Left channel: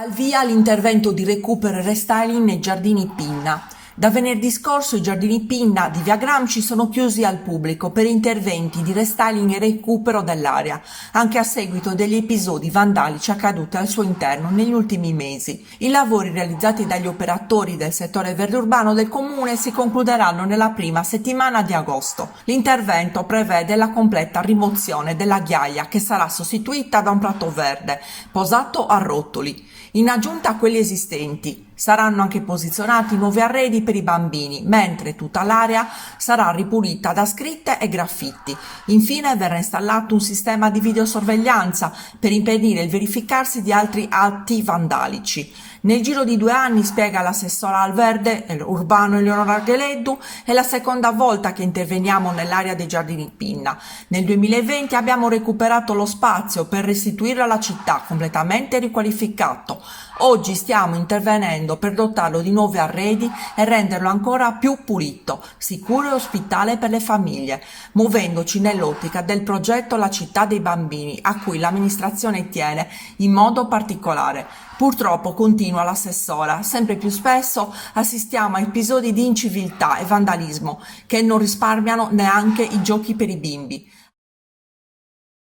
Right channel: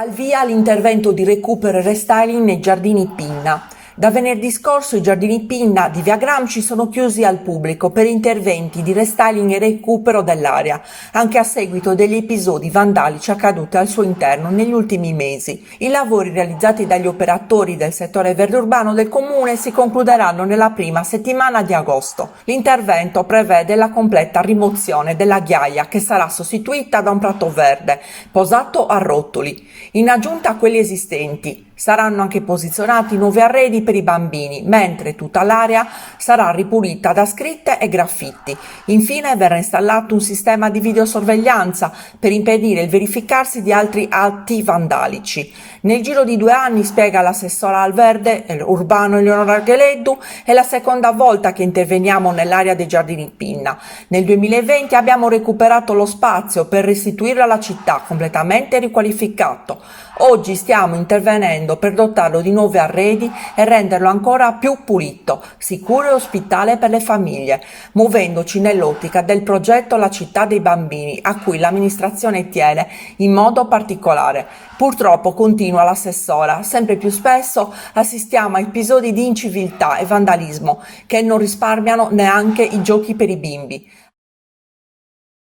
Al via l'intervento di recupero e restyling nei giardini Pinna. Da venerdì scorso i giardini Pinna di Via Gramsci sono chiusi al pubblico per interventi di restyling e recupero dell'area, anche a seguito degli episodi vandalici accaduti al suo interno negli ultimi mesi. I lavori realizzati dagli operatori del settore verde urbano del comune si concluderanno nella prima settimana di agosto. L'intervento prevede la completa rimozione della ghiaia che sarà sostituita da un prato verde posato a rotoli. In aggiunta a quelli esistenti, saranno anche posizionati nuovi arredi per i bambini, mentre tutta l'area sarà ripulita da scritte e graffiti. Infine verrà installato un sistema di videosorveglianza per impedire il verificarsi di altri atti vandalici. Nel giro di 2 anni, spiega l'assessora al verde urbano Eleonora Gheleddu, è la seconda volta che interveniamo nell'area dei giardini Pinna. Nel 2020 abbiamo recuperato lo spazio per restituirlo alla città, completamente riqualificato. Oggi stiamo intervenendo per dotarlo di nuovi arredi e renderlo ancora più pulito, sicuro e ospitale per le famiglie, muovendoci nell'ottica del progetto La città dei bambini, a cui l'amministrazione tiene in modo particolare. Purtroppo, continua l'assessora, sempre più spesso assistiamo a episodi di inciviltà e vandalismo che non risparmiano neanche i giochi per i bimbi.